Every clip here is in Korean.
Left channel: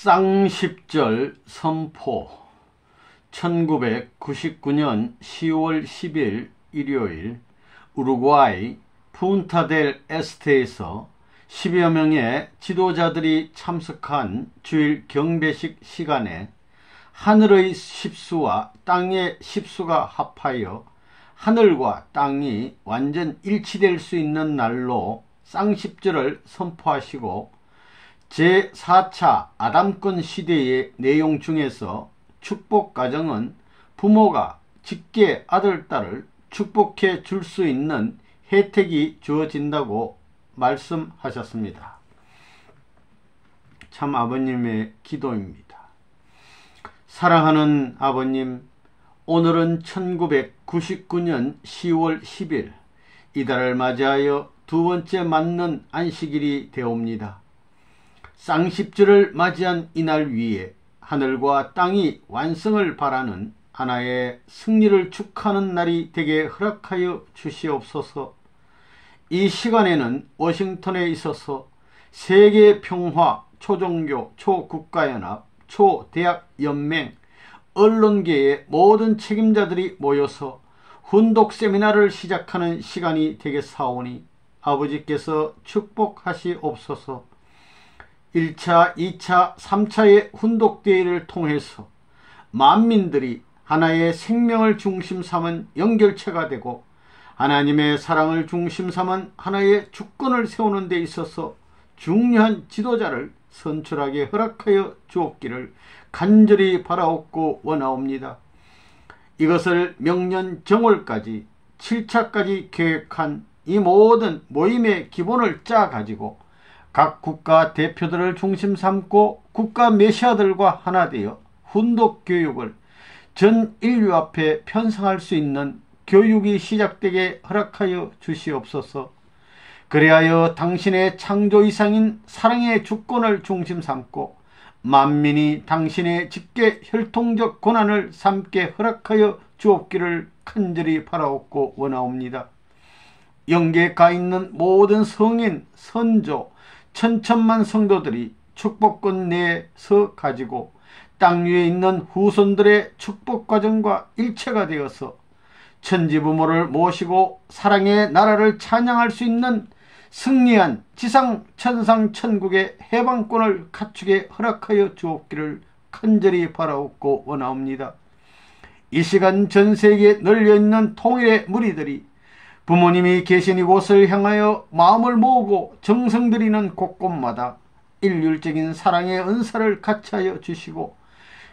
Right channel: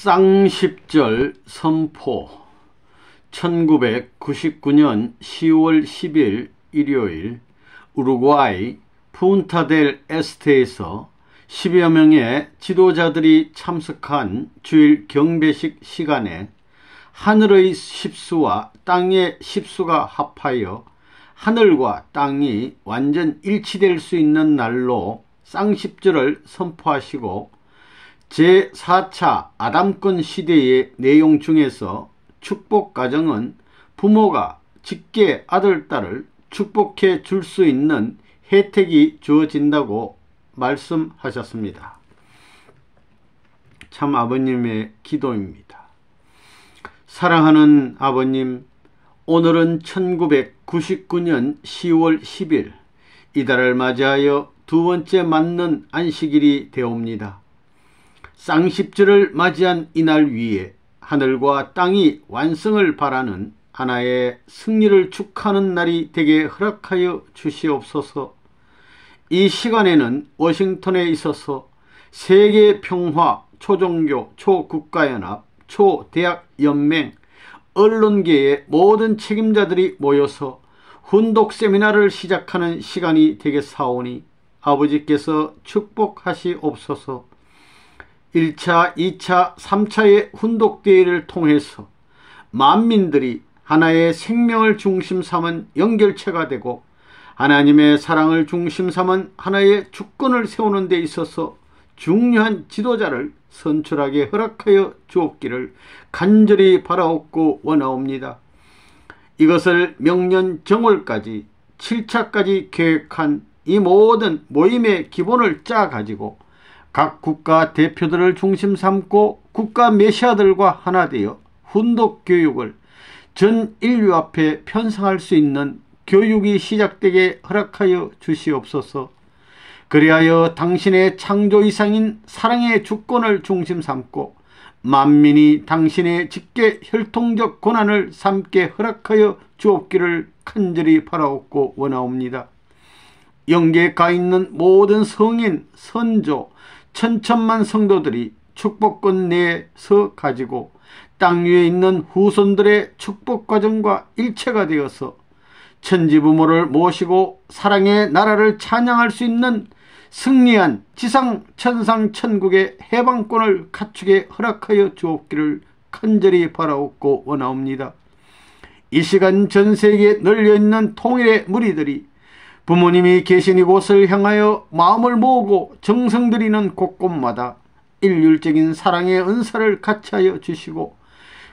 쌍십절 선포 1999년 10월 10일 일요일 우루과이 푼타델 에스테에서 10여 명의 지도자들이 참석한 주일 경배식 시간에 하늘의 십수와 땅의 십수가 합하여 하늘과 땅이 완전 일치될 수 있는 날로 쌍십절을 선포하시고 제4차 아담권 시대의 내용 중에서 축복 가정은 부모가 직계 아들, 딸을 축복해 줄 수 있는 혜택이 주어진다고 말씀하셨습니다. 참 아버님의 기도입니다. 사랑하는 아버님, 오늘은 1999년 10월 10일 이달을 맞이하여 두 번째 맞는 안식일이 되옵니다. 쌍십절을 맞이한 이날 위에 하늘과 땅이 완성을 바라는 하나의 승리를 축하하는 날이 되게 허락하여 주시옵소서. 이 시간에는 워싱턴에 있어서 세계 평화, 초종교, 초국가연합, 초대학연맹, 언론계의 모든 책임자들이 모여서 훈독 세미나를 시작하는 시간이 되겠사오니 아버지께서 축복하시옵소서. 1차, 2차, 3차의 훈독대회를 통해서 만민들이 하나의 생명을 중심 삼은 연결체가 되고 하나님의 사랑을 중심 삼은 하나의 주권을 세우는 데 있어서 중요한 지도자를 선출하게 허락하여 주옵기를 간절히 바라옵고 원하옵니다. 이것을 명년 정월까지 7차까지 계획한 이 모든 모임의 기본을 짜가지고 각 국가 대표들을 중심 삼고 국가 메시아들과 하나 되어 훈독 교육을 전 인류 앞에 편성할 수 있는 교육이 시작되게 허락하여 주시옵소서. 그리하여 당신의 창조 이상인 사랑의 주권을 중심 삼고 만민이 당신의 직계 혈통적 권한을 삼게 허락하여 주옵기를 간절히 바라옵고 원하옵니다. 영계에 가 있는 모든 성인, 선조, 천천만 성도들이 축복권 내에서 가지고 땅 위에 있는 후손들의 축복 과정과 일체가 되어서 천지부모를 모시고 사랑의 나라를 찬양할 수 있는 승리한 지상 천상 천국의 해방권을 갖추게 허락하여 주옵기를 간절히 바라옵고 원하옵니다. 이 시간 전 세계에 널려있는 통일의 무리들이 부모님이 계신 이곳을 향하여 마음을 모으고 정성 들이는 곳곳마다 일률적인 사랑의 은사를 같이하여 주시고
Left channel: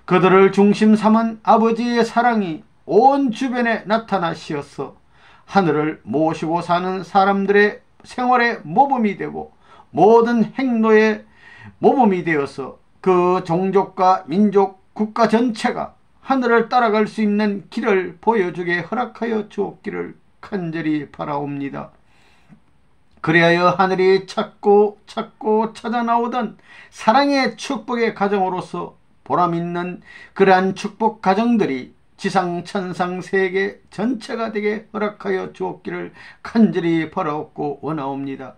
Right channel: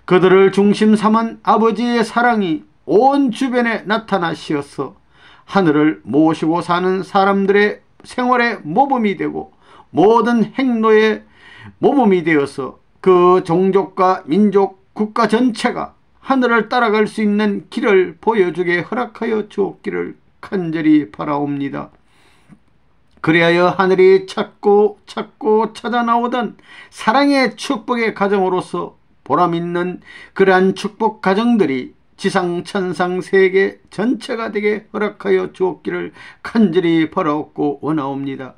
그들을 중심 삼은 아버지의 사랑이 온 주변에 나타나시어서 하늘을 모시고 사는 사람들의 생활의 모범이 되고 모든 행로의 모범이 되어서 그 종족과 민족, 국가 전체가 하늘을 따라갈 수 있는 길을 보여주게 허락하여 주옵기를 간절히 바라옵니다. 그리하여 하늘이 찾고 찾아 나오던 사랑의 축복의 가정으로서 보람있는 그러한 축복 가정들이 지상 천상 세계 전체가 되게 허락하여 주옵기를 간절히 바라옵고 원하옵니다.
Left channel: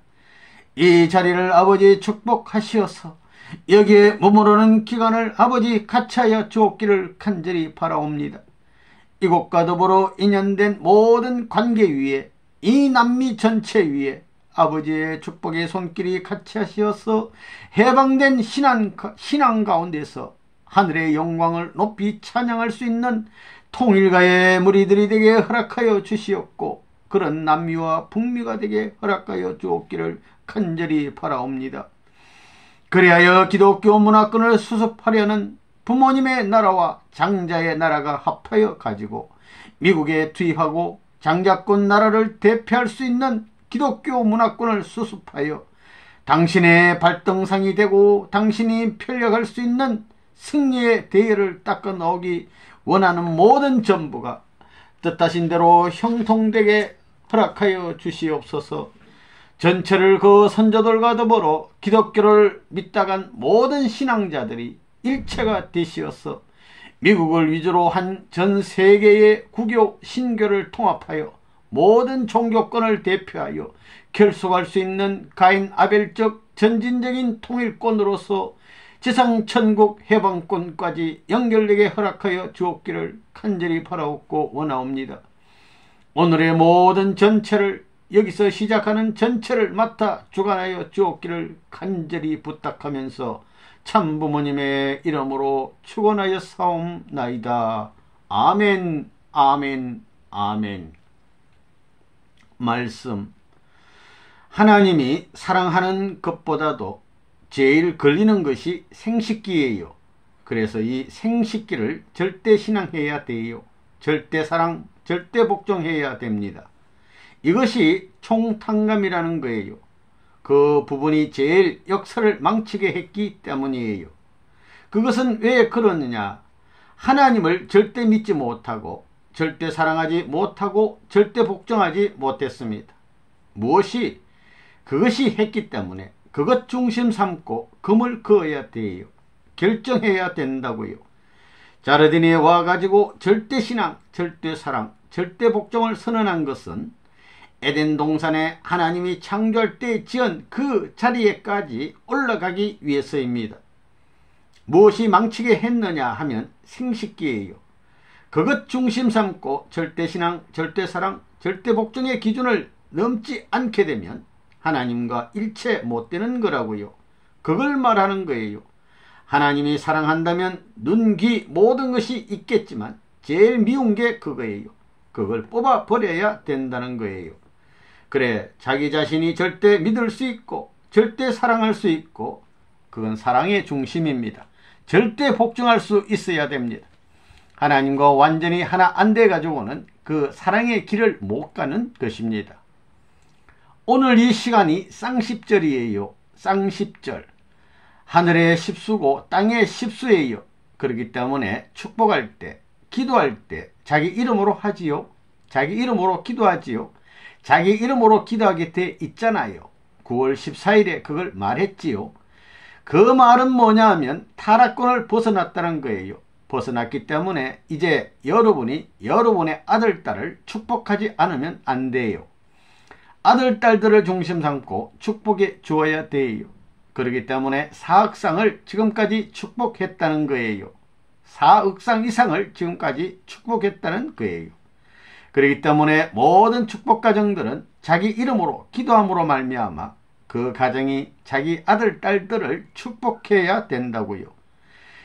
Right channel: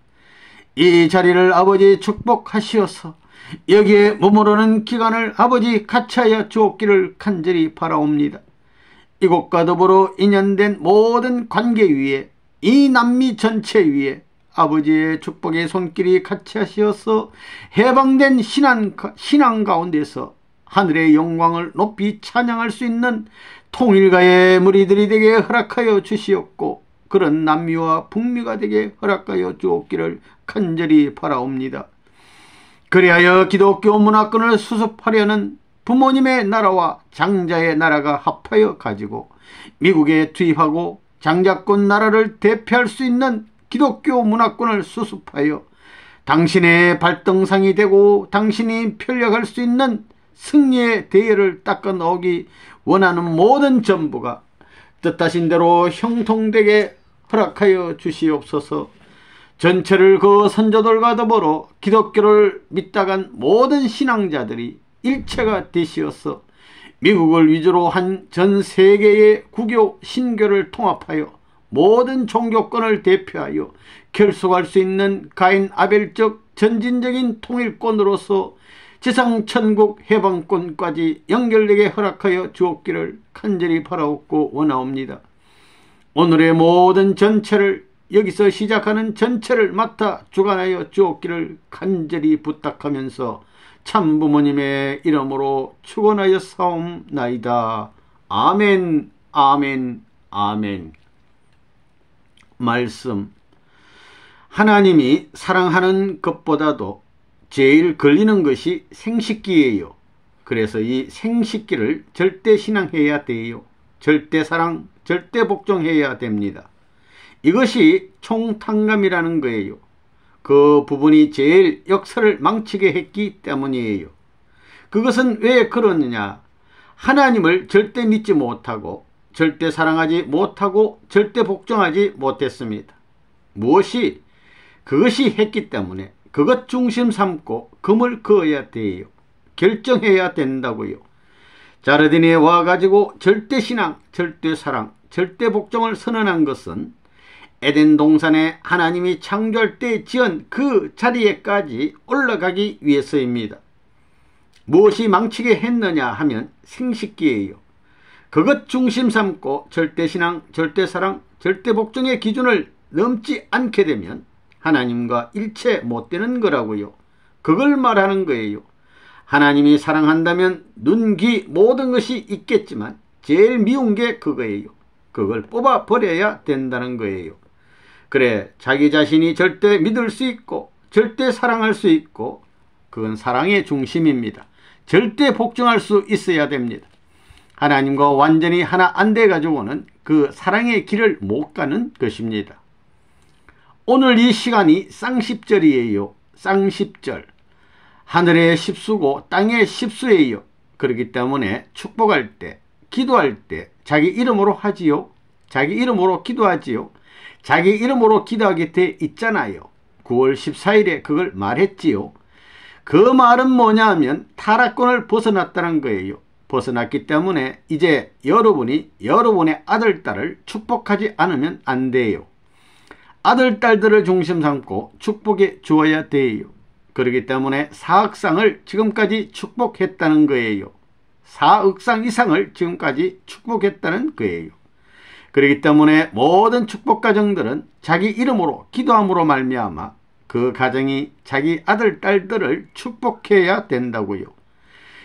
이 자리를 아버지 축복하시어서 여기에 머무르는 기간을 아버지 같이하여 주옵기를 간절히 바라옵니다. 이곳과 더불어 인연된 모든 관계 위에 이 남미 전체 위에 아버지의 축복의 손길이 같이 하시어서 해방된 신앙 가운데서 하늘의 영광을 높이 찬양할 수 있는 통일가의 무리들이 되게 허락하여 주시옵고 그런 남미와 북미가 되게 허락하여 주옵기를 간절히 바라옵니다. 그리하여 기독교 문화권을 수습하려는 부모님의 나라와 장자의 나라가 합하여 가지고 미국에 투입하고 장자권 나라를 대표할 수 있는 기독교 문화권을 수습하여 당신의 발등상이 되고 당신이 편력할 수 있는 승리의 대열을 닦아 넣기 원하는 모든 전부가 뜻하신 대로 형통되게 허락하여 주시옵소서. 전체를 그 선조들과 더불어 기독교를 믿다간 모든 신앙자들이 일체가 되시어서 미국을 위주로 한 전 세계의 구교, 신교를 통합하여 모든 종교권을 대표하여 결속할 수 있는 가인 아벨적 전진적인 통일권으로서 지상 천국 해방권까지 연결되게 허락하여 주옵기를 간절히 바라옵고 원하옵니다. 오늘의 모든 전체를, 여기서 시작하는 전체를 맡아 주관하여 주옵기를 간절히 부탁하면서 참부모님의 이름으로 축원하여 사옵나이다. 아멘, 아멘, 아멘. 말씀. 하나님이 사랑하는 것보다도 제일 걸리는 것이 생식기예요. 그래서 이 생식기를 절대 신앙해야 돼요. 절대 사랑, 절대 복종해야 됩니다. 이것이 총탕감이라는 거예요. 그 부분이 제일 역사를 망치게 했기 때문이에요. 그것은 왜 그러느냐? 하나님을 절대 믿지 못하고 절대 사랑하지 못하고 절대 복종하지 못했습니다. 무엇이? 그것이 했기 때문에 그것 중심 삼고 금을 그어야 돼요. 결정해야 된다고요. 자르딘에 와가지고 절대 신앙, 절대 사랑, 절대 복종을 선언한 것은 에덴 동산에 하나님이 창조할 때 지은 그 자리에까지 올라가기 위해서입니다. 무엇이 망치게 했느냐 하면 생식기예요. 그것 중심 삼고 절대 신앙, 절대 사랑, 절대 복종의 기준을 넘지 않게 되면 하나님과 일체 못 되는 거라고요. 그걸 말하는 거예요. 하나님이 사랑한다면 눈, 귀 모든 것이 있겠지만 제일 미운 게 그거예요. 그걸 뽑아 버려야 된다는 거예요. 그래, 자기 자신이 절대 믿을 수 있고 절대 사랑할 수 있고 그건 사랑의 중심입니다. 절대 복종할 수 있어야 됩니다. 하나님과 완전히 하나 안 돼 가지고는 그 사랑의 길을 못 가는 것입니다. 오늘 이 시간이 쌍십절이에요. 쌍십절. 하늘의 십수고 땅의 십수예요. 그렇기 때문에 축복할 때, 기도할 때 자기 이름으로 하지요. 자기 이름으로 기도하지요. 자기 이름으로 기도하게 돼 있잖아요. 9월 14일에 그걸 말했지요. 그 말은 뭐냐 하면 타락권을 벗어났다는 거예요. 벗어났기 때문에 이제 여러분이 여러분의 아들, 딸을 축복하지 않으면 안 돼요. 아들, 딸들을 중심 삼고 축복해 주어야 돼요. 그렇기 때문에 4억 쌍을 지금까지 축복했다는 거예요. 4억 쌍 이상을 지금까지 축복했다는 거예요. 그렇기 때문에 모든 축복 가정들은 자기 이름으로 기도함으로 말미암아 그 가정이 자기 아들, 딸들을 축복해야 된다고요.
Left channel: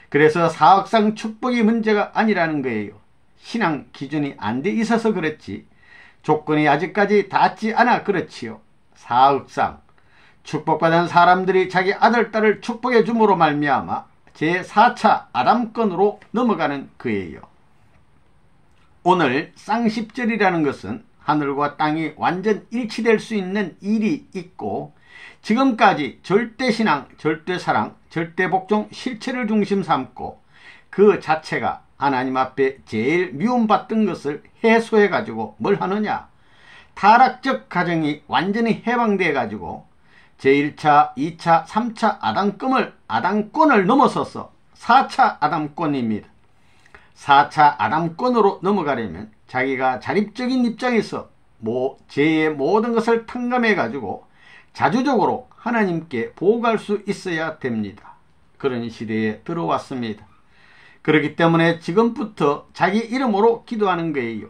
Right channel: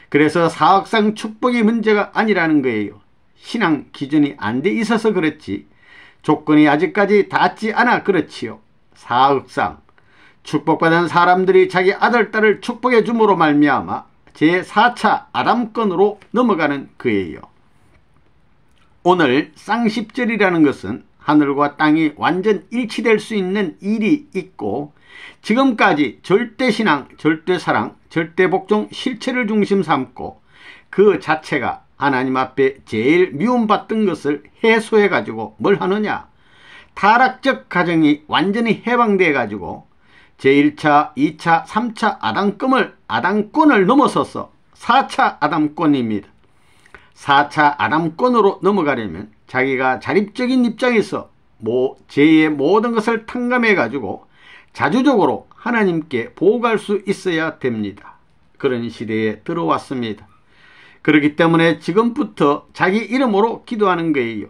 그래서 4억 쌍 축복이 문제가 아니라는 거예요. 신앙 기준이 안 돼 있어서 그렇지 조건이 아직까지 닿지 않아 그렇지요. 4억 쌍 축복받은 사람들이 자기 아들, 딸을 축복해 줌으로 말미암아 제4차 아담권으로 넘어가는 거예요. 오늘 쌍십절이라는 것은 하늘과 땅이 완전 일치될 수 있는 일이 있고 지금까지 절대신앙, 절대사랑, 절대복종 실체를 중심 삼고 그 자체가 하나님 앞에 제일 미움받던 것을 해소해 가지고 뭘 하느냐? 타락적 가정이 완전히 해방돼 가지고 제1차, 2차, 3차 아담권을 넘어서서 4차 아담권입니다. 4차 아담권으로 넘어가려면 자기가 자립적인 입장에서 죄의 모든 것을 탕감해 가지고 자주적으로 하나님께 보고할 수 있어야 됩니다. 그런 시대에 들어왔습니다. 그렇기 때문에 지금부터 자기 이름으로 기도하는 거예요.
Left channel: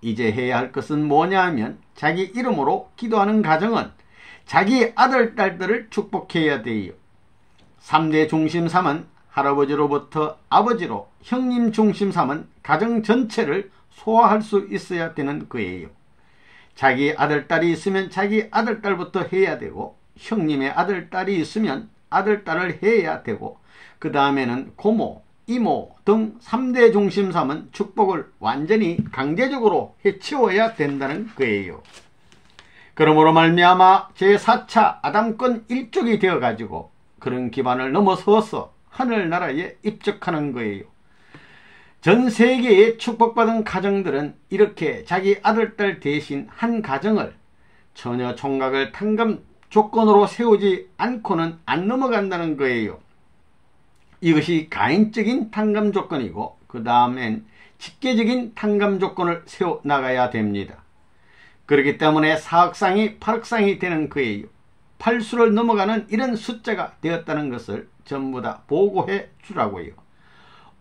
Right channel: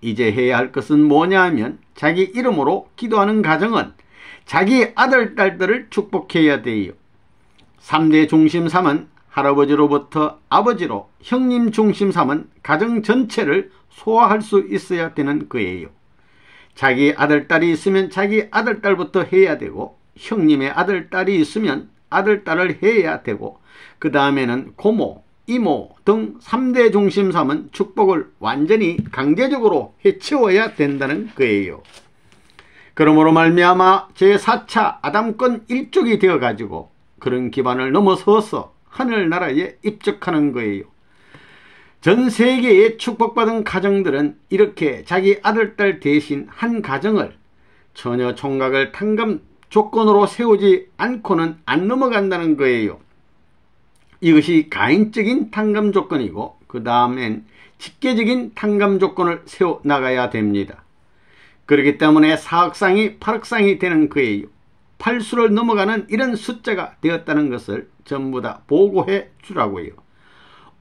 이제 해야 할 것은 뭐냐 하면 자기 이름으로 기도하는 가정은 자기 아들, 딸들을 축복해야 돼요. 3대 중심 삼은 할아버지로부터 아버지로 형님 중심 삼은 가정 전체를 소화할 수 있어야 되는 거예요. 자기 아들, 딸이 있으면 자기 아들, 딸부터 해야 되고 형님의 아들, 딸이 있으면 아들, 딸을 해야 되고 그 다음에는 고모, 이모 등 3대 중심 삼은 축복을 완전히 강제적으로 해치워야 된다는 거예요. 그러므로 말미암아 제4차 아담권 일족이 되어가지고 그런 기반을 넘어서서 하늘나라에 입적하는 거예요. 전 세계의 축복받은 가정들은 이렇게 자기 아들, 딸 대신 한 가정을 전혀 총각을 탕감 조건으로 세우지 않고는 안 넘어간다는 거예요. 이것이 가인적인 탕감 조건이고 그 다음엔 직계적인 탕감 조건을 세워나가야 됩니다. 그렇기 때문에 4억상이 8억상이 되는 거예요. 8수를 넘어가는 이런 숫자가 되었다는 것을 전부 다 보고해 주라고요.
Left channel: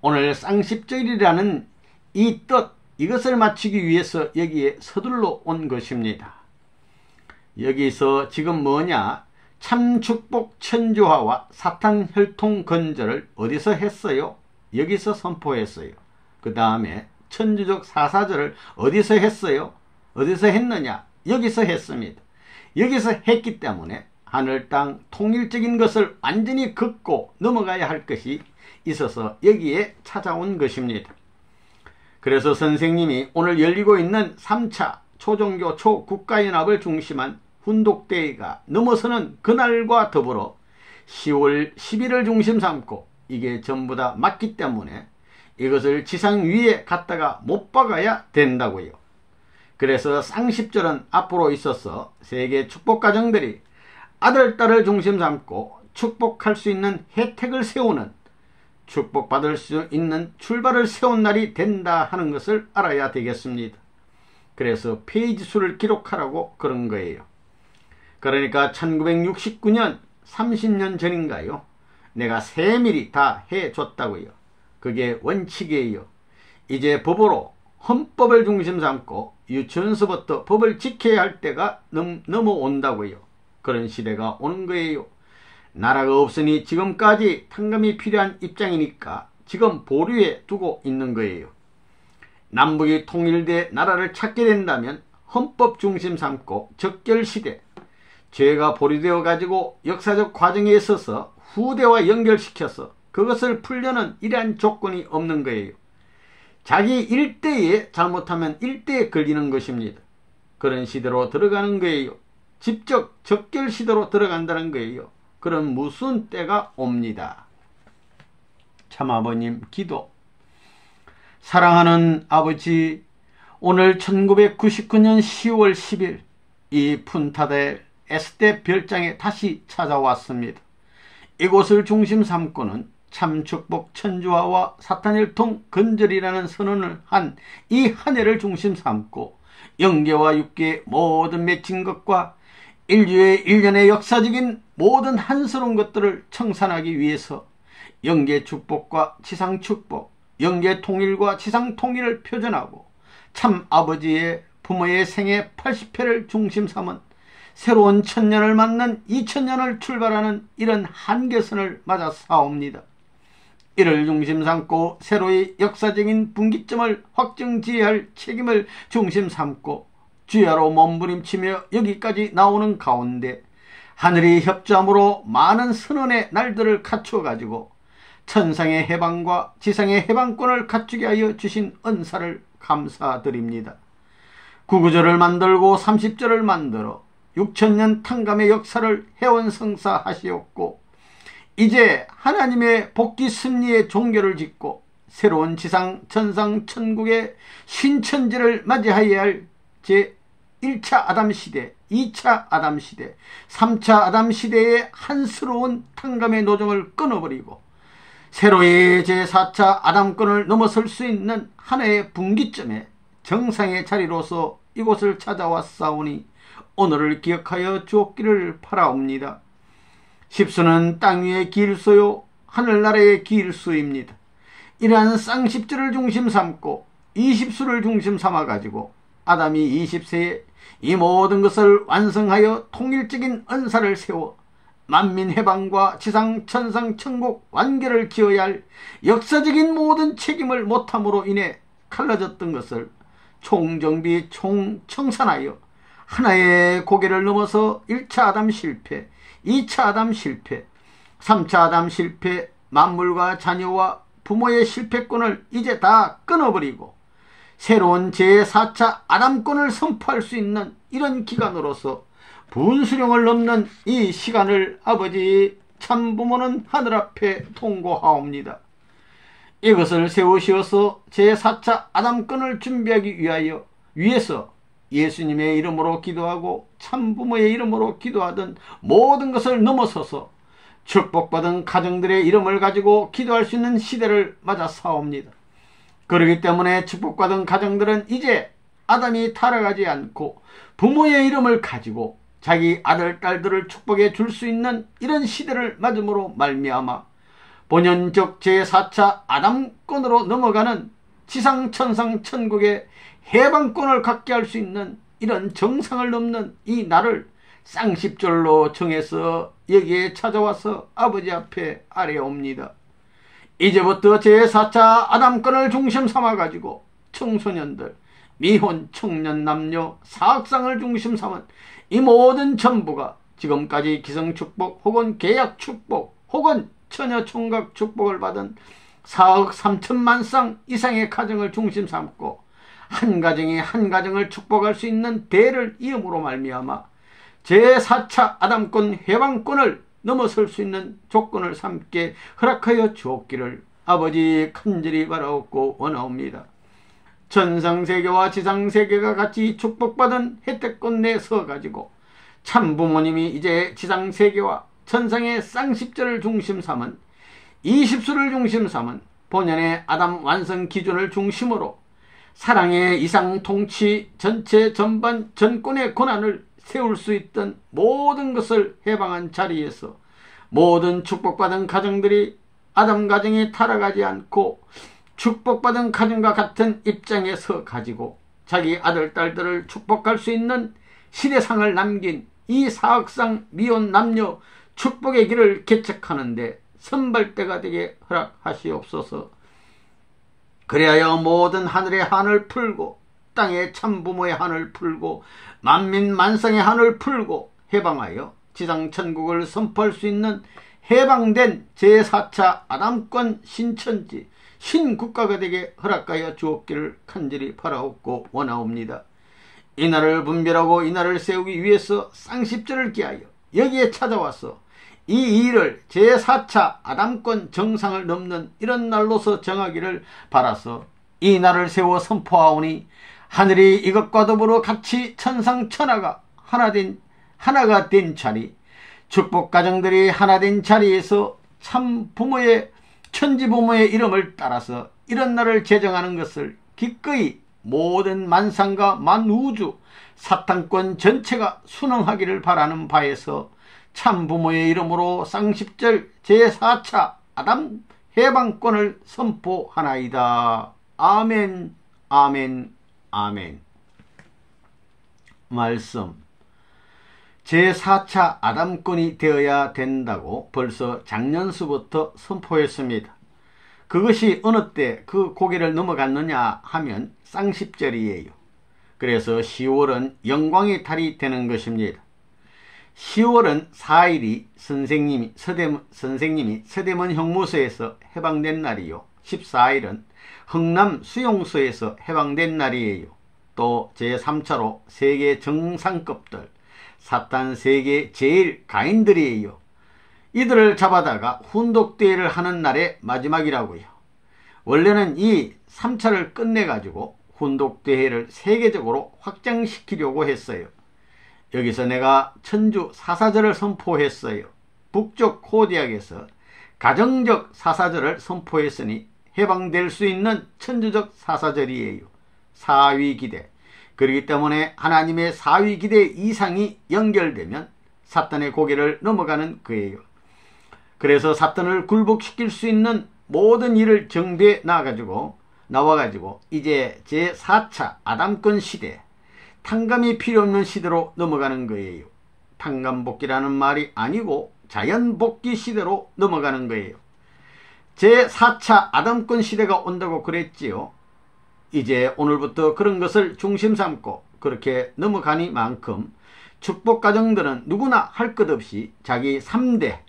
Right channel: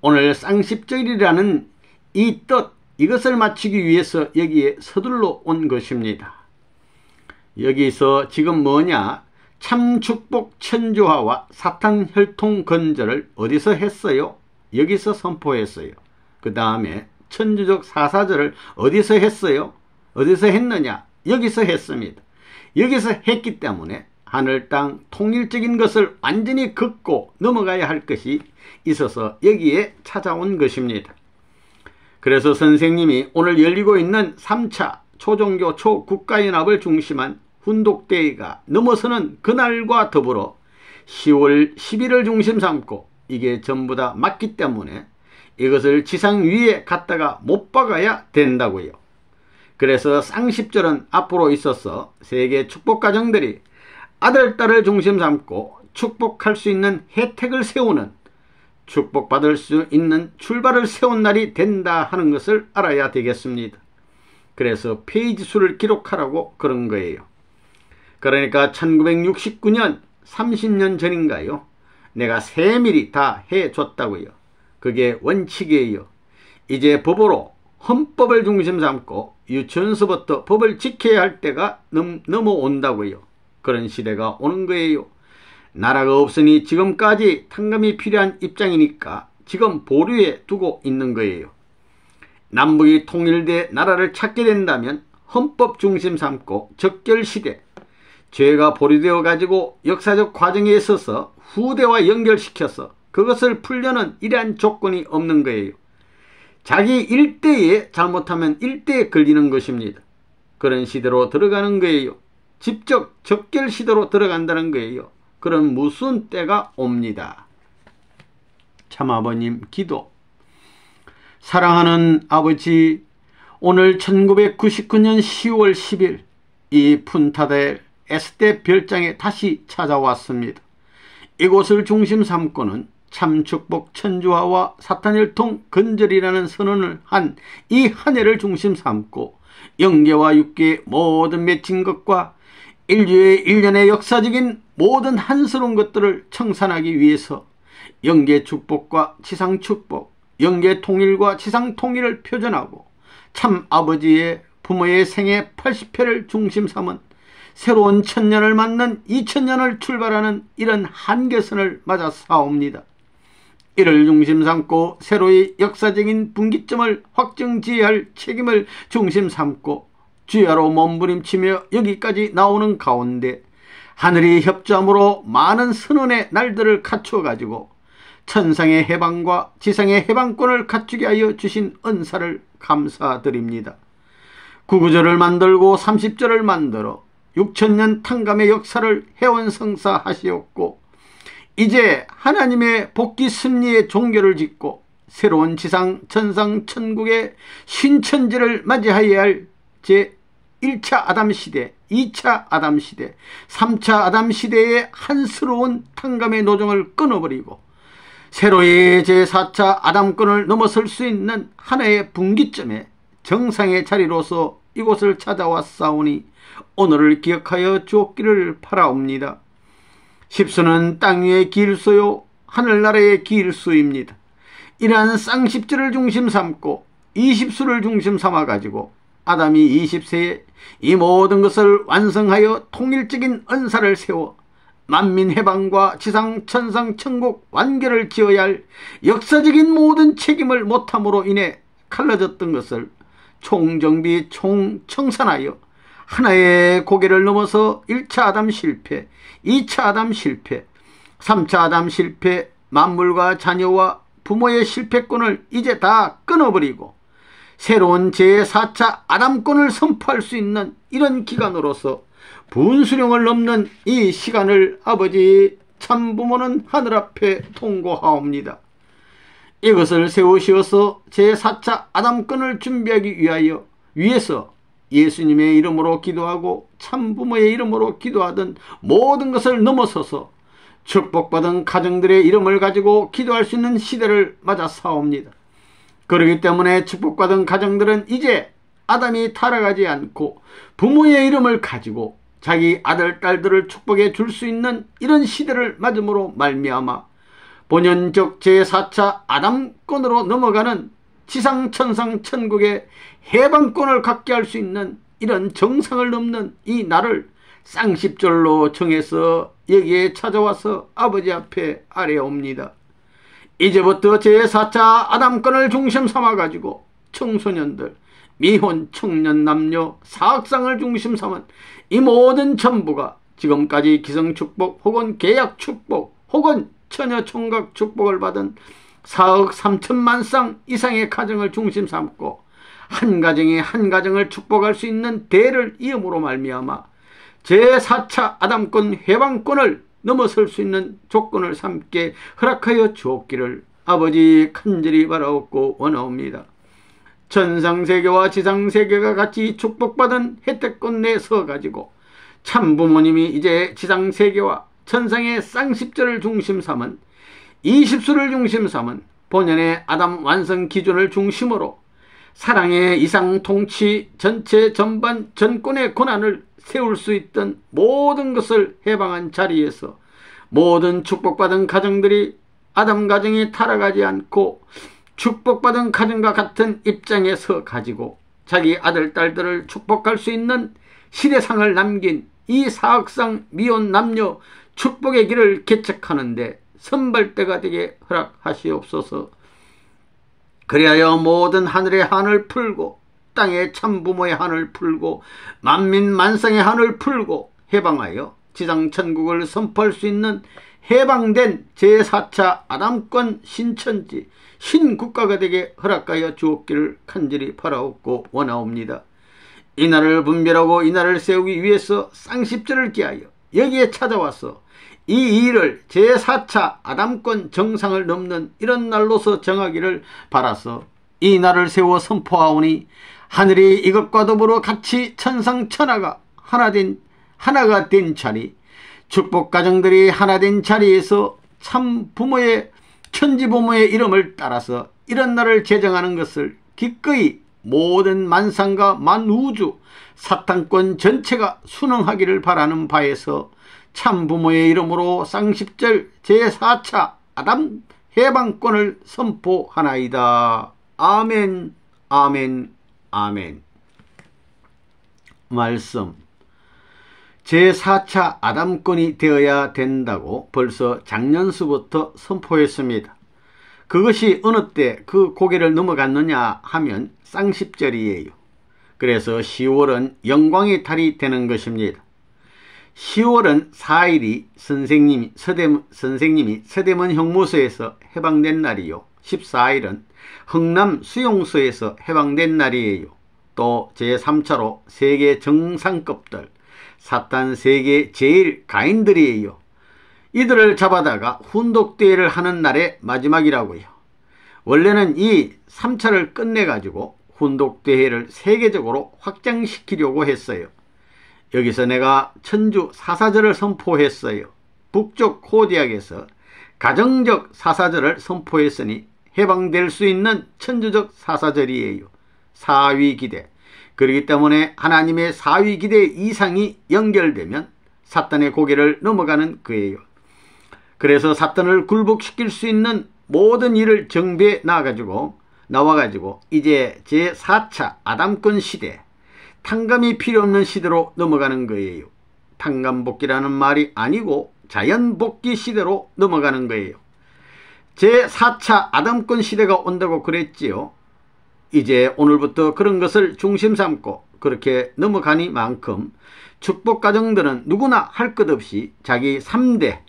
오늘 쌍십절이라는 이 뜻, 이것을 맞추기 위해서 여기에 서둘러 온 것입니다. 여기서 지금 뭐냐? 참축복 천주화와 사탄 혈통 건절을 어디서 했어요? 여기서 선포했어요. 그 다음에 천주적 사사절을 어디서 했어요? 어디서 했느냐? 여기서 했습니다. 여기서 했기 때문에 하늘 땅 통일적인 것을 완전히 긋고 넘어가야 할 것이 있어서 여기에 찾아온 것입니다. 그래서 선생님이 오늘 열리고 있는 3차 초종교 초국가연합을 중심한 훈독대회가 넘어서는 그날과 더불어 10월 11을 중심 삼고 이게 전부 다 맞기 때문에 이것을 지상 위에 갖다가 못 박아야 된다고요. 그래서 쌍십절은 앞으로 있어서 세계 축복가정들이 아들, 딸을 중심 삼고 축복할 수 있는 혜택을 세우는, 축복받을 수 있는 출발을 세운 날이 된다 하는 것을 알아야 되겠습니다. 그래서 페이지 수를 기록하라고 그런 거예요. 그러니까 1969년 30년 전인가요? 내가 세밀히 다 해줬다고요. 그게 원칙이에요. 이제 법으로 헌법을 중심 삼고 유치원서부터 법을 지켜야 할 때가 넘어온다고요. 그런 시대가 오는 거예요. 나라가 없으니 지금까지 탕감이 필요한 입장이니까 지금 보류해 두고 있는 거예요. 남북이 통일돼 나라를 찾게 된다면 헌법 중심 삼고 적결시대, 죄가 보류되어 가지고 역사적 과정에 있어서 후대와 연결시켜서 그것을 풀려는 이러한 조건이 없는 거예요. 자기 일대에 잘못하면 일대에 걸리는 것입니다. 그런 시대로 들어가는 거예요. 직접 적결 시대로 들어간다는 거예요. 그런 무슨 때가 옵니다. 참아버님 기도. 사랑하는 아버지, 오늘 1999년 10월 10일 이 푼타델 에스테 별장에 다시 찾아왔습니다. 이곳을 중심 삼고는 참축복 천주화와 사탄혈통 건절이라는 선언을 한 이 한 해를 중심 삼고 영계와 육계의 모든 맺힌 것과 인류의 일련의 역사적인 모든 한스러운 것들을 청산하기 위해서 영계 축복과 지상 축복, 영계 통일과 지상 통일을 표현하고 참 아버지의 부모의 생애 80회를 중심 삼은 새로운 천년을 맞는 2000년을 출발하는 이런 한계선을 맞아 싸웁니다. 이를 중심 삼고 새로의 역사적인 분기점을 확정지어야 책임을 중심 삼고 주야로 몸부림치며 여기까지 나오는 가운데 하늘이 협조함으로 많은 선언의 날들을 갖추어 가지고 천상의 해방과 지상의 해방권을 갖추게 하여 주신 은사를 감사드립니다. 99절을 만들고 30절을 만들어 6000년 탕감의 역사를 해원성사하시었고 이제 하나님의 복귀 승리의 종교를 짓고 새로운 지상 천상 천국의 신천지를 맞이하여야 할 제1차 아담 시대, 2차 아담 시대, 3차 아담 시대의 한스러운 탕감의 노정을 끊어버리고 새로의 제4차 아담권을 넘어설 수 있는 하나의 분기점에 정상의 자리로서 이곳을 찾아왔사오니 오늘을 기억하여 주옵기를 바라옵니다. 십수는 땅 위의 길수요 하늘나라의 길수입니다. 이러한 쌍십절을 중심 삼고 20수를 중심 삼아가지고 아담이 20세에 이 모든 것을 완성하여 통일적인 은사를 세워 만민 해방과 지상 천상 천국 완결을 지어야 할 역사적인 모든 책임을 못함으로 인해 갈라졌던 것을 총정비 총청산하여 하나의 고개를 넘어서 1차 아담 실패, 2차 아담 실패, 3차 아담 실패, 만물과 자녀와 부모의 실패권을 이제 다 끊어버리고 새로운 제4차 아담권을 선포할 수 있는 이런 기간으로서 분수령을 넘는 이 시간을 아버지 참부모는 하늘 앞에 통고하옵니다. 이것을 세우시어서 제4차 아담권을 준비하기 위해서 예수님의 이름으로 기도하고 참부모의 이름으로 기도하던 모든 것을 넘어서서 축복받은 가정들의 이름을 가지고 기도할 수 있는 시대를 맞아 싸웁니다. 그렇기 때문에 축복받은 가정들은 이제 아담이 타락하지 않고 부모의 이름을 가지고 자기 아들, 딸들을 축복해 줄 수 있는 이런 시대를 맞음으로 말미암아 본연적 제4차 아담권으로 넘어가는 지상 천상 천국의 해방권을 갖게 할 수 있는 이런 정상을 넘는 이 날을 쌍십절로 정해서 여기에 찾아와서 아버지 앞에 아뢰옵니다. 이제부터 제4차 아담권을 중심 삼아가지고 청소년들, 미혼 청년 남녀, 사학상을 중심 삼은 이 모든 전부가 지금까지 기성축복 혹은 계약축복 혹은 처녀총각 축복을 받은 4억 3천만 쌍 이상의 가정을 중심 삼고 한 가정이 한 가정을 축복할 수 있는 대를 이음으로 말미암아 제4차 아담권 해방권을 넘어설 수 있는 조건을 삼게 허락하여 주옵기를 아버지 간절히 바라옵고 원하옵니다. 천상세계와 지상세계가 같이 축복받은 혜택권 내 서가지고 참부모님이 이제 지상세계와 천상의 쌍십절을 중심 삼은 20수를 중심 삼은 본연의 아담 완성 기준을 중심으로 사랑의 이상 통치 전체 전반 전권의 권한을 세울 수 있던 모든 것을 해방한 자리에서 모든 축복받은 가정들이 아담 가정이 타락하지 않고 축복받은 가정과 같은 입장에서 가지고 자기 아들, 딸들을 축복할 수 있는 시대상을 남긴 이 사학상 미혼 남녀 축복의 길을 개척하는데 선발대가 되게 허락하시옵소서. 그리하여 모든 하늘의 한을 풀고 땅의 참부모의 한을 풀고 만민 만상의 한을 풀고 해방하여 지상천국을 선포할 수 있는 해방된 제4차 아담권 신천지 신국가가 되게 허락하여 주옵기를 간절히 바라옵고 원하옵니다. 이 날을 분별하고 이 날을 세우기 위해서 쌍십절을 기하여 여기에 찾아와서 이 일을 제4차 아담권 정상을 넘는 이런 날로서 정하기를 바라서 이 날을 세워 선포하오니 하늘이 이것과 더불어 같이 천상천하가 하나가 된 자리, 축복 가정들이 하나 된 자리에서 참 부모의 천지부모의 이름을 따라서 이런 날을 제정하는 것을 기꺼이 모든 만상과 만우주 사탄권 전체가 순응하기를 바라는 바에서 참부모의 이름으로 쌍십절 제4차 아담 해방권을 선포하나이다. 아멘, 아멘, 아멘. 말씀. 제4차 아담권이 되어야 된다고 벌써 작년수부터 선포했습니다. 그것이 어느 때 그 고개를 넘어갔느냐 하면 쌍십절이에요. 그래서 10월은 영광의 달이 되는 것입니다. 10월은 4일이 선생님이 서대문 형무소에서 해방된 날이요. 14일은 흥남 수용소에서 해방된 날이에요. 또 제3차로 세계 정상급들 사탄 세계 제일 가인들이에요. 이들을 잡아다가 훈독대회를 하는 날의 마지막이라고요. 원래는 이 3차를 끝내가지고 훈독대회를 세계적으로 확장시키려고 했어요. 여기서 내가 천주 사사절을 선포했어요. 북쪽 코디악에서 가정적 사사절을 선포했으니 해방될 수 있는 천주적 사사절이에요. 사위기대. 그렇기 때문에 하나님의 사위기대 이상이 연결되면 사탄의 고개를 넘어가는 거예요. 그래서 사탄을 굴복시킬 수 있는 모든 일을 정비해 나와가지고 이제 제4차 아담권 시대, 탕감이 필요 없는 시대로 넘어가는 거예요. 탕감복귀라는 말이 아니고 자연복귀 시대로 넘어가는 거예요. 제4차 아담권 시대가 온다고 그랬지요. 이제 오늘부터 그런 것을 중심 삼고 그렇게 넘어가니만큼 축복가정들은 누구나 할 것 없이 자기 3대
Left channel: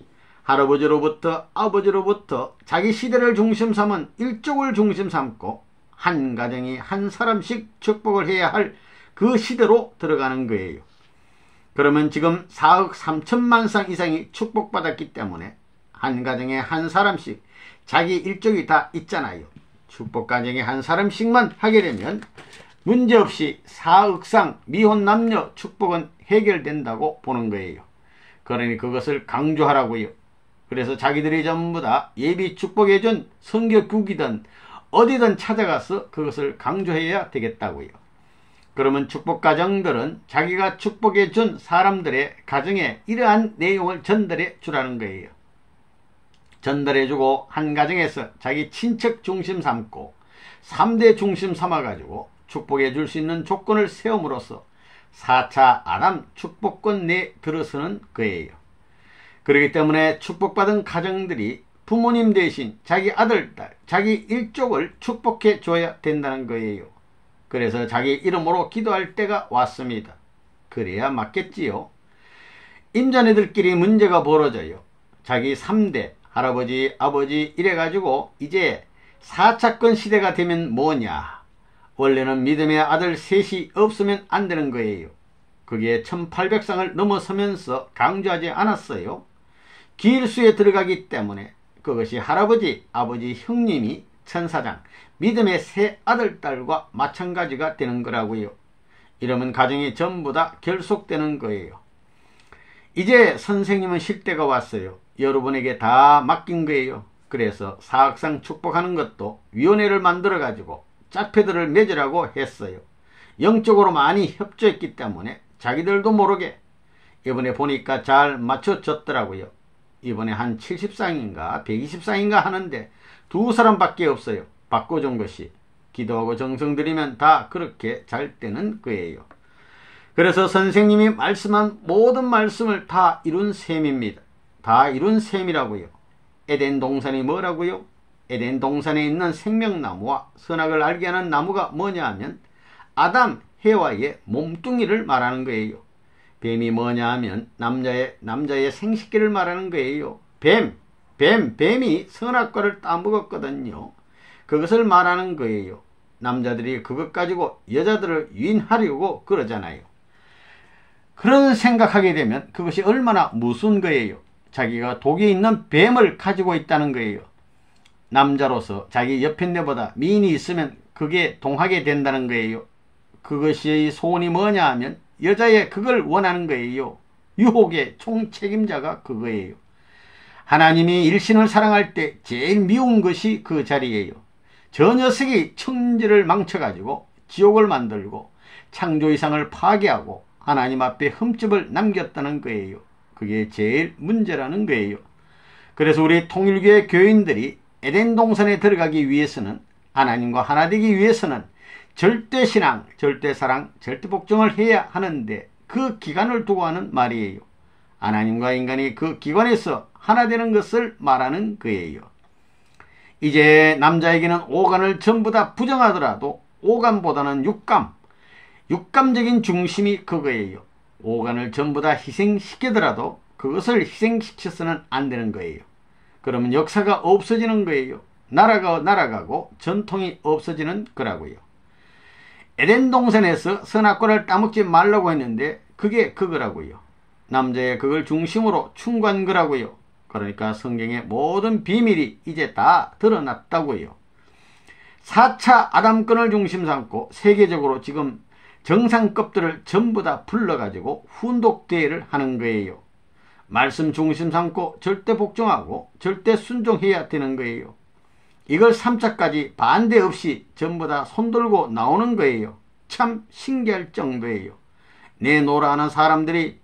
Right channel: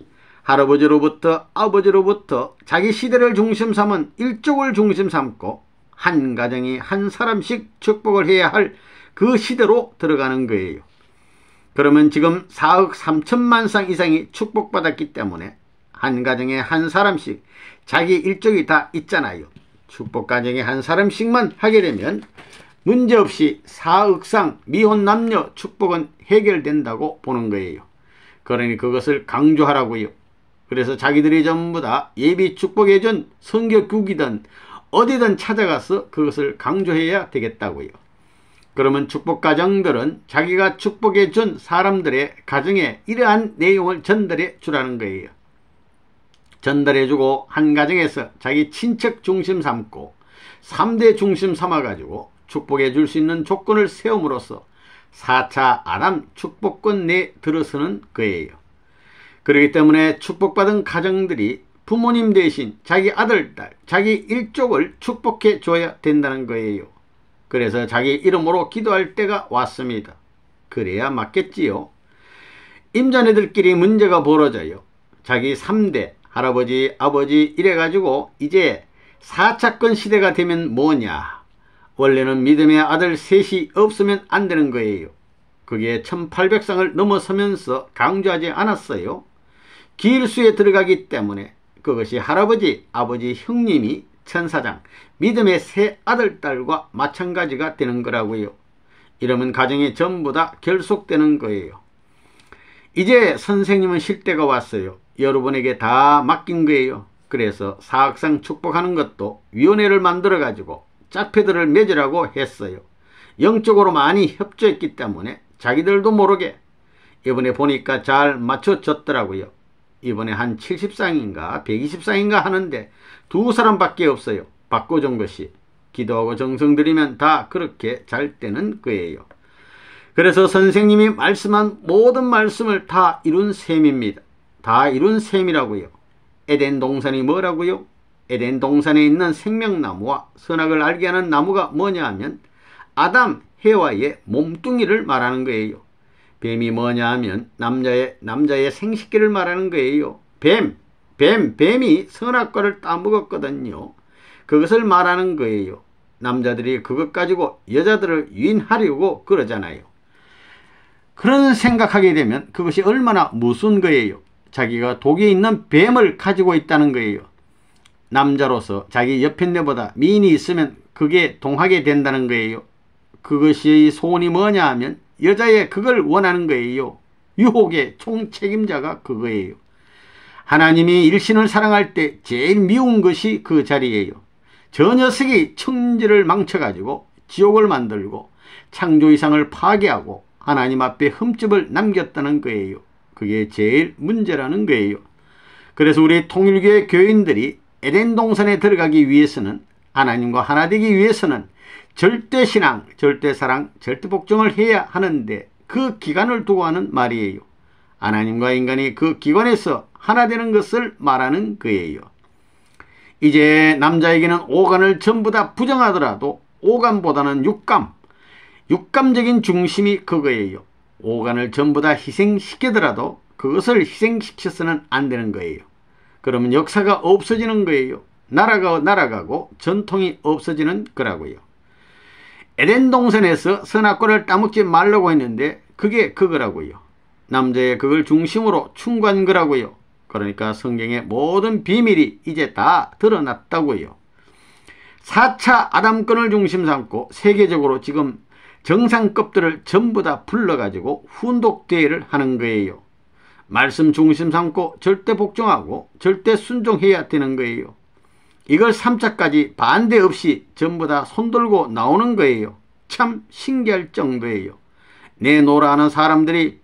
할아버지로부터 아버지로부터 자기 시대를 중심 삼은 일족을 중심 삼고 한 가정이 한 사람씩 축복을 해야 할 그 시대로 들어가는 거예요. 그러면 지금 4억 3천만 쌍 이상이 축복받았기 때문에 한 가정에 한 사람씩 자기 일족이 다 있잖아요. 축복가정에 한 사람씩만 하게 되면 문제없이 4억 쌍 미혼 남녀 축복은 해결된다고 보는 거예요. 그러니 그것을 강조하라고요. 그래서 자기들이 전부 다 예비 축복해준 성교국이든 어디든 찾아가서 그것을 강조해야 되겠다고요. 그러면 축복가정들은 자기가 축복해 준 사람들의 가정에 이러한 내용을 전달해 주라는 거예요. 전달해 주고 한 가정에서 자기 친척 중심 삼고 3대 중심 삼아 가지고 축복해 줄 수 있는 조건을 세움으로써 4차 아담 축복권 내에 들어서는 거예요. 그렇기 때문에 축복받은 가정들이 부모님 대신 자기 아들, 딸, 자기 일족을 축복해 줘야 된다는 거예요. 그래서 자기 이름으로 기도할 때가 왔습니다. 그래야 맞겠지요. 임자네들끼리 문제가 벌어져요. 자기 3대, 할아버지, 아버지 이래가지고 이제 4차권 시대가 되면 뭐냐. 원래는 믿음의 아들 셋이 없으면 안 되는 거예요. 그게 1800상을 넘어서면서 강조하지 않았어요. 기일수에 들어가기 때문에 그것이 할아버지, 아버지, 형님이 천사장, 믿음의 세 아들, 딸과 마찬가지가 되는 거라고요. 이러면 가정이 전부 다 결속되는 거예요. 이제 선생님은 쉴 때가 왔어요. 여러분에게 다 맡긴 거예요. 그래서 사학상 축복하는 것도 위원회를 만들어 가지고 짝패들을 맺으라고 했어요. 영적으로 많이 협조했기 때문에 자기들도 모르게 이번에 보니까 잘 맞춰졌더라고요. 이번에 한 70상인가 120상인가 하는데 2사람밖에 없어요. 바꿔준 것이. 기도하고 정성 들이면 다 그렇게 잘 되는 거예요. 그래서 선생님이 말씀한 모든 말씀을 다 이룬 셈입니다. 다 이룬 셈이라고요. 에덴 동산이 뭐라고요? 에덴 동산에 있는 생명나무와 선악을 알게 하는 나무가 뭐냐 하면 아담, 해와의 몸뚱이를 말하는 거예요. 뱀이 뭐냐 하면 남자의 생식기를 말하는 거예요. 뱀이 선악과를 따먹었거든요. 그것을 말하는 거예요. 남자들이 그것 가지고 여자들을 유인하려고 그러잖아요. 그런 생각하게 되면 그것이 얼마나 무서운 거예요. 자기가 독이 있는 뱀을 가지고 있다는 거예요. 남자로서 자기 옆에 내보다 미인이 있으면 그게 동하게 된다는 거예요. 그것이 소원이 뭐냐 하면 여자의 그걸 원하는 거예요. 유혹의 총책임자가 그거예요. 하나님이 일신을 사랑할 때 제일 미운 것이 그 자리예요. 저 녀석이 천지를 망쳐가지고 지옥을 만들고 창조이상을 파괴하고 하나님 앞에 흠집을 남겼다는 거예요. 그게 제일 문제라는 거예요. 그래서 우리 통일교회 교인들이 에덴 동산에 들어가기 위해서는, 하나님과 하나 되기 위해서는 절대신앙, 절대사랑, 절대복종을 해야 하는데 그 기간을 두고 하는 말이에요. 하나님과 인간이 그 기관에서 하나 되는 것을 말하는 거예요. 이제 남자에게는 오간을 전부 다 부정하더라도 오간보다는 육감적인 중심이 그거예요. 오간을 전부 다 희생시키더라도 그것을 희생시켜서는 안 되는 거예요. 그러면 역사가 없어지는 거예요. 나라가 날아가고 전통이 없어지는 거라고요. 에덴 동산에서 선악과를 따먹지 말라고 했는데 그게 그거라고요. 남자의 그걸 중심으로 충고한 거라고요. 그러니까 성경의 모든 비밀이 이제 다 드러났다고요. 4차 아담권을 중심 삼고 세계적으로 지금 정상급들을 전부 다 불러가지고 훈독대회를 하는 거예요. 말씀 중심 삼고 절대 복종하고 절대 순종해야 되는 거예요. 이걸 3차까지 반대 없이 전부 다 손들고 나오는 거예요. 참 신기할 정도예요. 내노라 하는 사람들이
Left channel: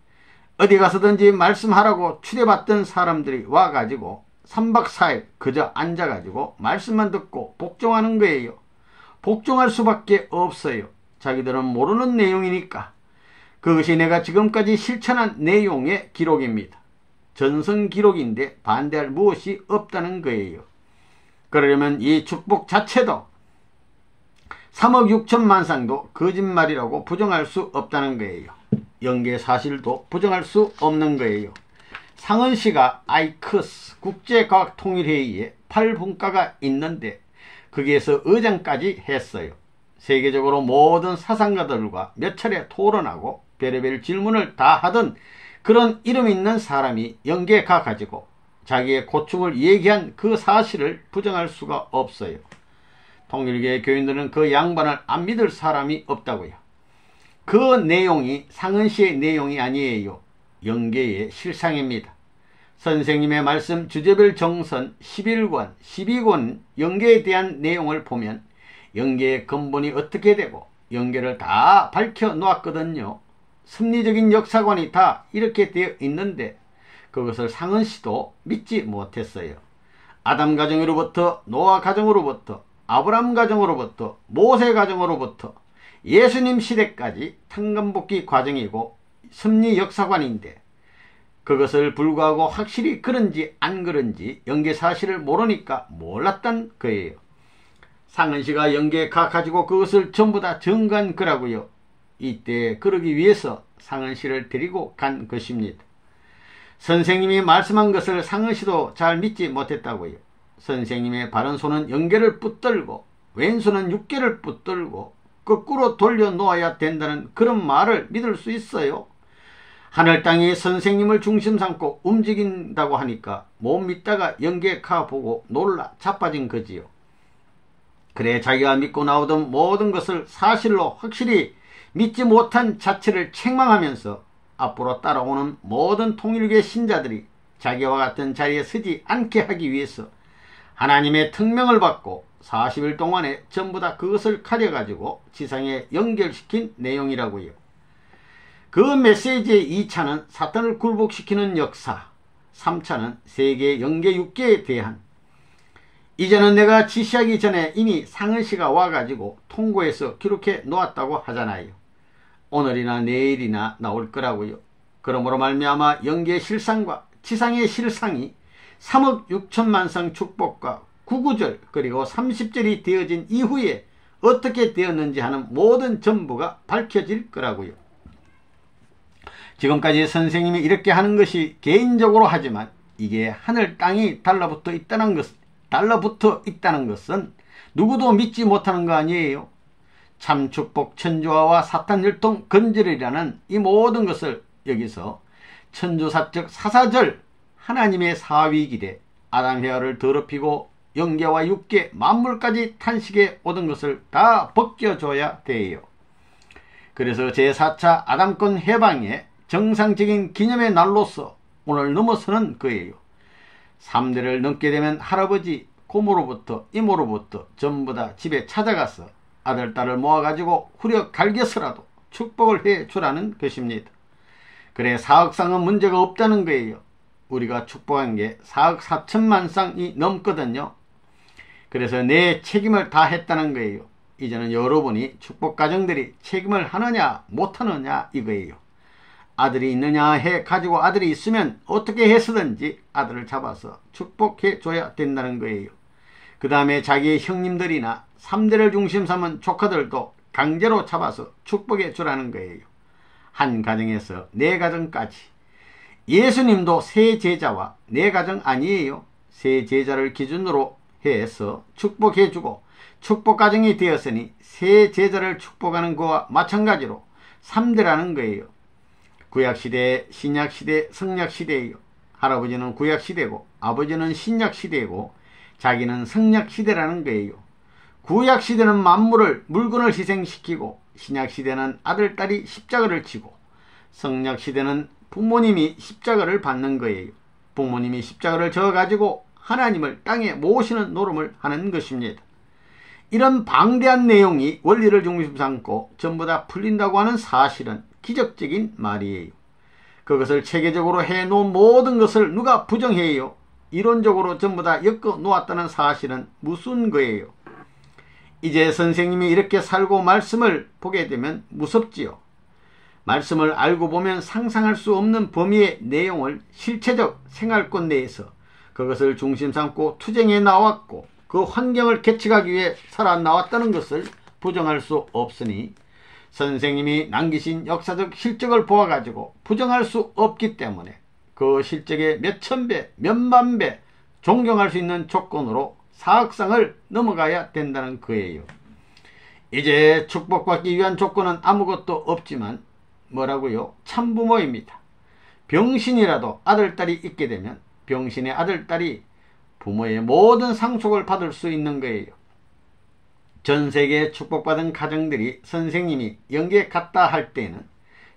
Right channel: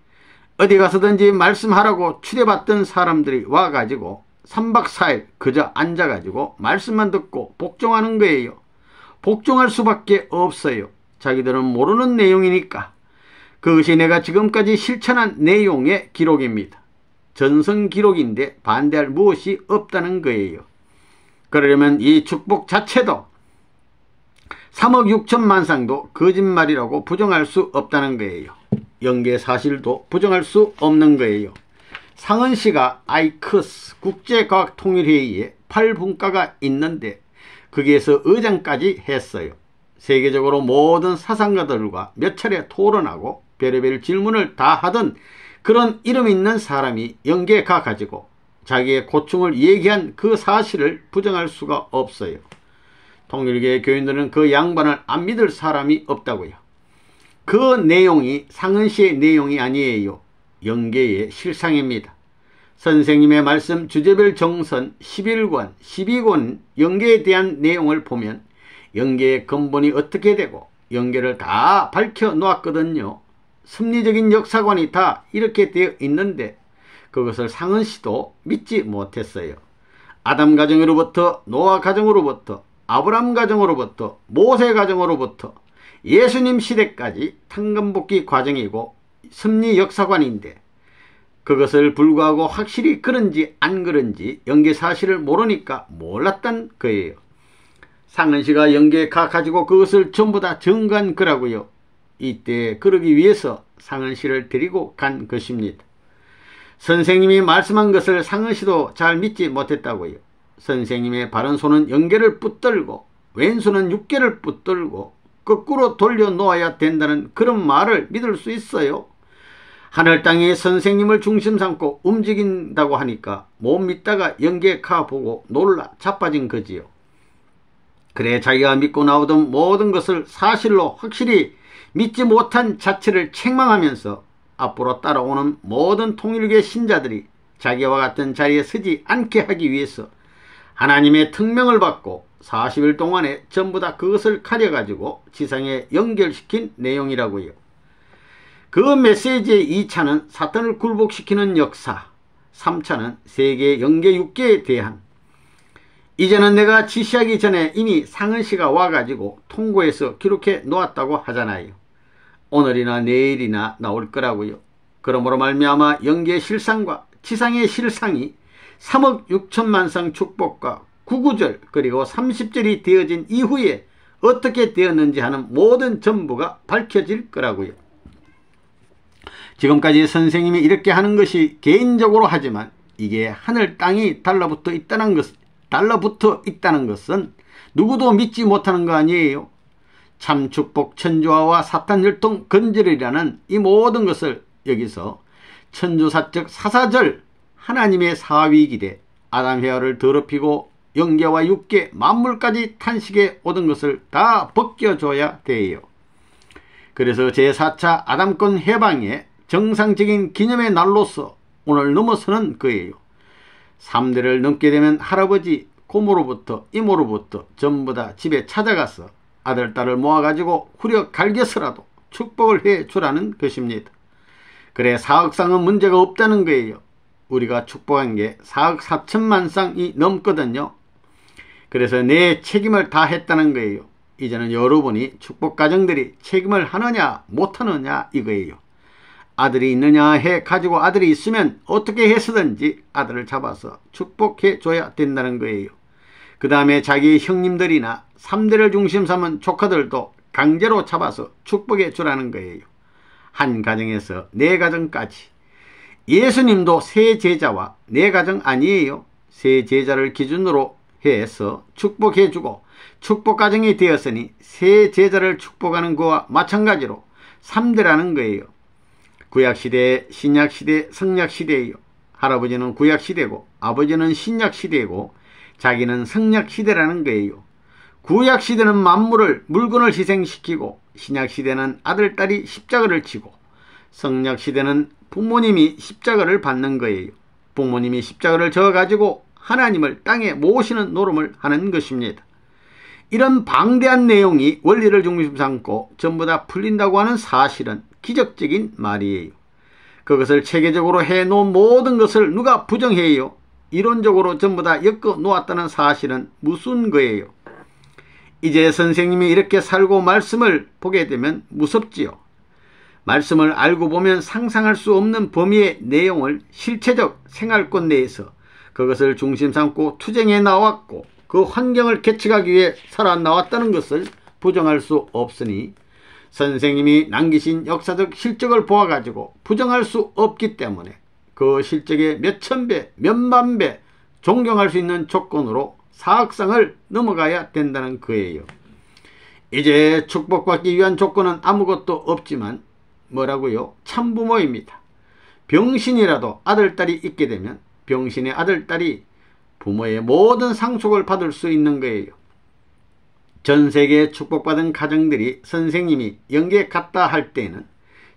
어디 가서든지 말씀하라고 추대받던 사람들이 와가지고 3박 4일 그저 앉아가지고 말씀만 듣고 복종하는 거예요. 복종할 수밖에 없어요. 자기들은 모르는 내용이니까. 그것이 내가 지금까지 실천한 내용의 기록입니다. 전성 기록인데 반대할 무엇이 없다는 거예요. 그러려면 이 축복 자체도 3억 6천만 상도 거짓말이라고 부정할 수 없다는 거예요. 영계 사실도 부정할 수 없는 거예요. 상은시가 아이크스 국제과학통일회의에 8분과가 있는데 거기에서 의장까지 했어요. 세계적으로 모든 사상가들과 몇 차례 토론하고 별의별 질문을 다 하던 그런 이름 있는 사람이 영계에 가가지고 자기의 고충을 얘기한 그 사실을 부정할 수가 없어요. 통일교회 교인들은 그 양반을 안 믿을 사람이 없다고요. 그 내용이 상은시의 내용이 아니에요. 영계의 실상입니다. 선생님의 말씀 주제별 정선 11권, 12권 영계에 대한 내용을 보면 영계의 근본이 어떻게 되고 연계를 다 밝혀 놓았거든요. 섭리적인 역사관이 다 이렇게 되어 있는데 그것을 상은씨도 믿지 못했어요. 아담 가정으로부터 노아 가정으로부터 아브람 가정으로부터 모세 가정으로부터 예수님 시대까지 탕감복귀 과정이고 섭리 역사관인데 그것을 불구하고 확실히 그런지 안 그런지 연계 사실을 모르니까 몰랐단 거예요. 상은씨가 연계에 가가지고 그것을 전부 다 증거한 거라고요. 이때 그러기 위해서 상은씨를 데리고 간 것입니다. 선생님이 말씀한 것을 상은씨도 잘 믿지 못했다고요. 선생님의 바른손은 연계를 붙들고 왼손은 육계를 붙들고 거꾸로 돌려놓아야 된다는 그런 말을 믿을 수 있어요. 하늘 땅이 선생님을 중심 삼고 움직인다고 하니까 못 믿다가 연계에 가보고 놀라 자빠진 거지요. 그래 자기가 믿고 나오던 모든 것을 사실로 확실히 믿지 못한 자체를 책망하면서 앞으로 따라오는 모든 통일교의 신자들이 자기와 같은 자리에 서지 않게 하기 위해서 하나님의 특명을 받고 40일 동안에 전부 다 그것을 가려가지고 지상에 연결시킨 내용이라고요. 그 메시지의 2차는 사탄을 굴복시키는 역사, 3차는 세계 연계 육계에 대한. 이제는 내가 지시하기 전에 이미 상은씨가 와가지고 통고해서 기록해 놓았다고 하잖아요. 오늘이나 내일이나 나올 거라고요. 그러므로 말미암아 연계의 실상과 지상의 실상이 3억 6천만 성 축복과 구구절 그리고 30절이 되어진 이후에 어떻게 되었는지 하는 모든 전부가 밝혀질 거라고요. 지금까지 선생님이 이렇게 하는 것이 개인적으로 하지만 이게 하늘 땅이 달라붙어 있다는 것은 누구도 믿지 못하는 거 아니에요. 참 축복 천조화와 사탄 율동 건절이라는 이 모든 것을 여기서 천조사적 사사절 하나님의 사위기대 아담 헤아를 더럽히고 영계와 육계 만물까지 탄식에 오던 것을 다 벗겨줘야 돼요. 그래서 제4차 아담권 해방의 정상적인 기념의 날로서 오늘 넘어서는 거예요. 3대를 넘게 되면 할아버지, 고모로부터 이모로부터 전부 다 집에 찾아가서 아들, 딸을 모아가지고 후려 갈겨서라도 축복을 해 주라는 것입니다. 그래 4억 쌍은 문제가 없다는 거예요. 우리가 축복한 게 4억 4천만 쌍이 넘거든요. 그래서 내 책임을 다 했다는 거예요. 이제는 여러분이 축복 가정들이 책임을 하느냐 못하느냐 이거예요. 아들이 있느냐 해 가지고 아들이 있으면 어떻게 해서든지 아들을 잡아서 축복해 줘야 된다는 거예요. 그 다음에 자기의 형님들이나 3대를 중심 삼은 조카들도 강제로 잡아서 축복해 주라는 거예요. 한 가정에서 4가정까지. 예수님도 세 제자와 4가정 아니에요. 세 제자를 기준으로 해서 축복해 주고 축복 가정이 되었으니 세 제자를 축복하는 거와 마찬가지로 3대라는 거예요. 구약시대, 신약시대, 성약시대예요. 할아버지는 구약시대고 아버지는 신약시대고 자기는 성약시대라는 거예요. 구약시대는 만물을 물건을 희생시키고 신약시대는 아들, 딸이 십자가를 치고 성약시대는 부모님이 십자가를 받는 거예요. 부모님이 십자가를 져가지고 하나님을 땅에 모시는 노름을 하는 것입니다. 이런 방대한 내용이 원리를 중심 삼고 전부 다 풀린다고 하는 사실은 기적적인 말이에요. 그것을 체계적으로 해놓은 모든 것을 누가 부정해요? 이론적으로 전부 다 엮어 놓았다는 사실은 무슨 거예요? 이제 선생님이 이렇게 살고 말씀을 보게 되면 무섭지요. 말씀을 알고 보면 상상할 수 없는 범위의 내용을 실체적 생활권 내에서 그것을 중심 삼고 투쟁해 나왔고 그 환경을 개척하기 위해 살아나왔다는 것을 부정할 수 없으니 선생님이 남기신 역사적 실적을 보아가지고 부정할 수 없기 때문에 그 실적의 몇천 배, 몇만 배 존경할 수 있는 조건으로 사악상을 넘어가야 된다는 거예요. 이제 축복받기 위한 조건은 아무것도 없지만 뭐라고요? 참부모입니다. 병신이라도 아들, 딸이 있게 되면 병신의 아들, 딸이 부모의 모든 상속을 받을 수 있는 거예요. 전 세계에 축복받은 가정들이 선생님이 연계 갔다 할 때는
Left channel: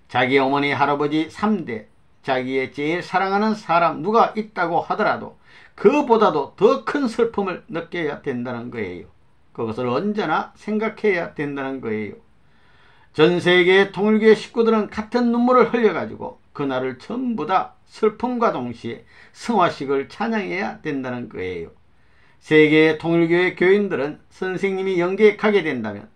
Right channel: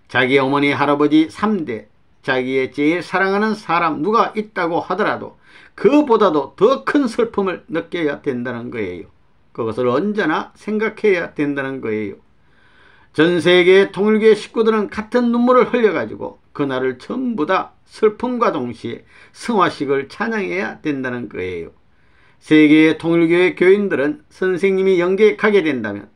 자기 어머니, 할아버지 3대, 자기의 제일 사랑하는 사람 누가 있다고 하더라도 그보다도 더 큰 슬픔을 느껴야 된다는 거예요. 그것을 언제나 생각해야 된다는 거예요. 전 세계의 통일교회 식구들은 같은 눈물을 흘려가지고 그날을 전부 다 슬픔과 동시에 성화식을 찬양해야 된다는 거예요. 세계의 통일교회 교인들은 선생님이 영계에 가게 된다면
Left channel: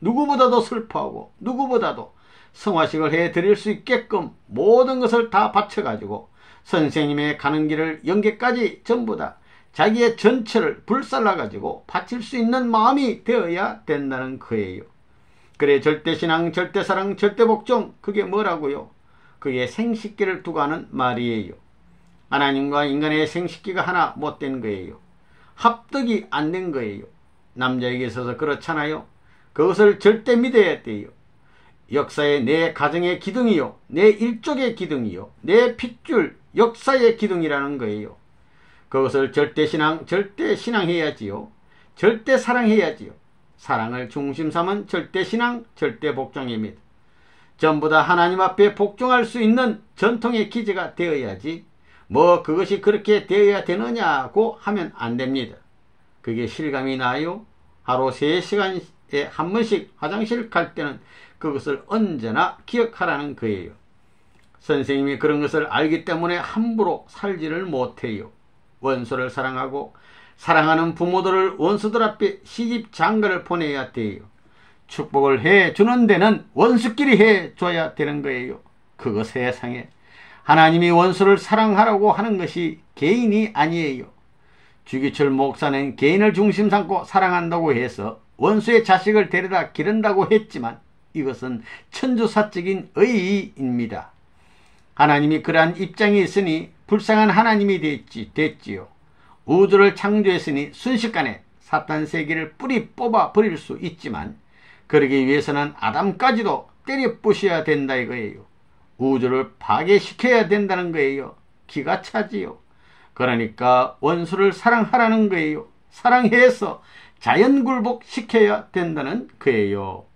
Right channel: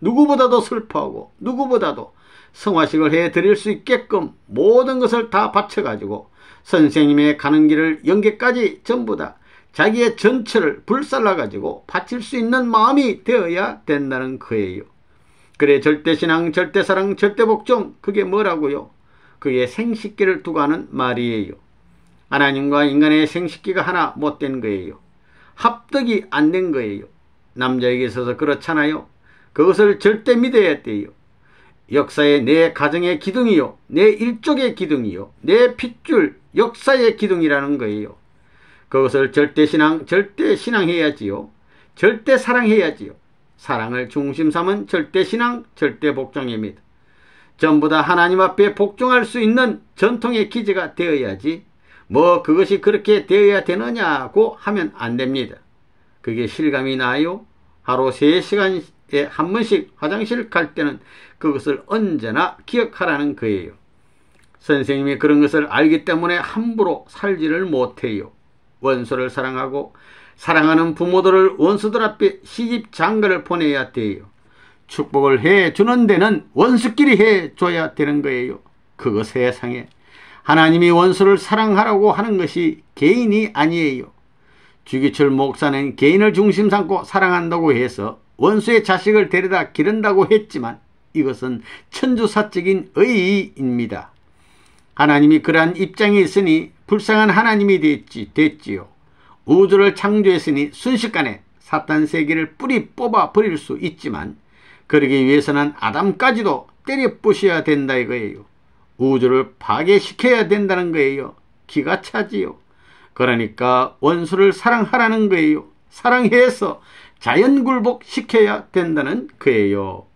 누구보다도 슬퍼하고 누구보다도 성화식을 해드릴 수 있게끔 모든 것을 다 바쳐가지고 선생님의 가는 길을 영계까지 전부 다 자기의 전체를 불살라가지고 바칠 수 있는 마음이 되어야 된다는 거예요. 그래, 절대신앙, 절대사랑, 절대복종, 그게 뭐라고요? 그게 생식기를 두고 하는 말이에요. 하나님과 인간의 생식기가 하나 못된 거예요. 합덕이 안 된 거예요. 남자에게 있어서 그렇잖아요. 그것을 절대 믿어야 돼요. 역사의 내 가정의 기둥이요, 내 일족의 기둥이요, 내 핏줄 역사의 기둥이라는 거예요. 그것을 절대신앙, 절대신앙해야지요. 절대사랑해야지요. 사랑을 중심 삼은 절대신앙, 절대복종입니다. 전부 다 하나님 앞에 복종할 수 있는 전통의 기제가 되어야지 뭐 그것이 그렇게 되어야 되느냐고 하면 안 됩니다. 그게 실감이 나요? 하루 3시간에 한 번씩 화장실 갈 때는 그것을 언제나 기억하라는 거예요. 선생님이 그런 것을 알기 때문에 함부로 살지를 못해요. 원수를 사랑하고 사랑하는 부모들을 원수들 앞에 시집 장가를 보내야 돼요. 축복을 해주는 데는 원수끼리 해줘야 되는 거예요. 그거 세상에 하나님이 원수를 사랑하라고 하는 것이 개인이 아니에요. 주기철 목사는 개인을 중심 삼고 사랑한다고 해서 원수의 자식을 데려다 기른다고 했지만 이것은 천주사적인 의의입니다. 하나님이 그러한 입장이 있으니 불쌍한 하나님이 됐지요. 우주를 창조했으니 순식간에 사탄 세계를 뿌리 뽑아 버릴 수 있지만 그러기 위해서는 아담까지도 때려 부셔야 된다 이거예요. 우주를 파괴시켜야 된다는 거예요. 기가 차지요. 그러니까 원수를 사랑하라는 거예요. 사랑해서 자연굴복 시켜야 된다는 거예요.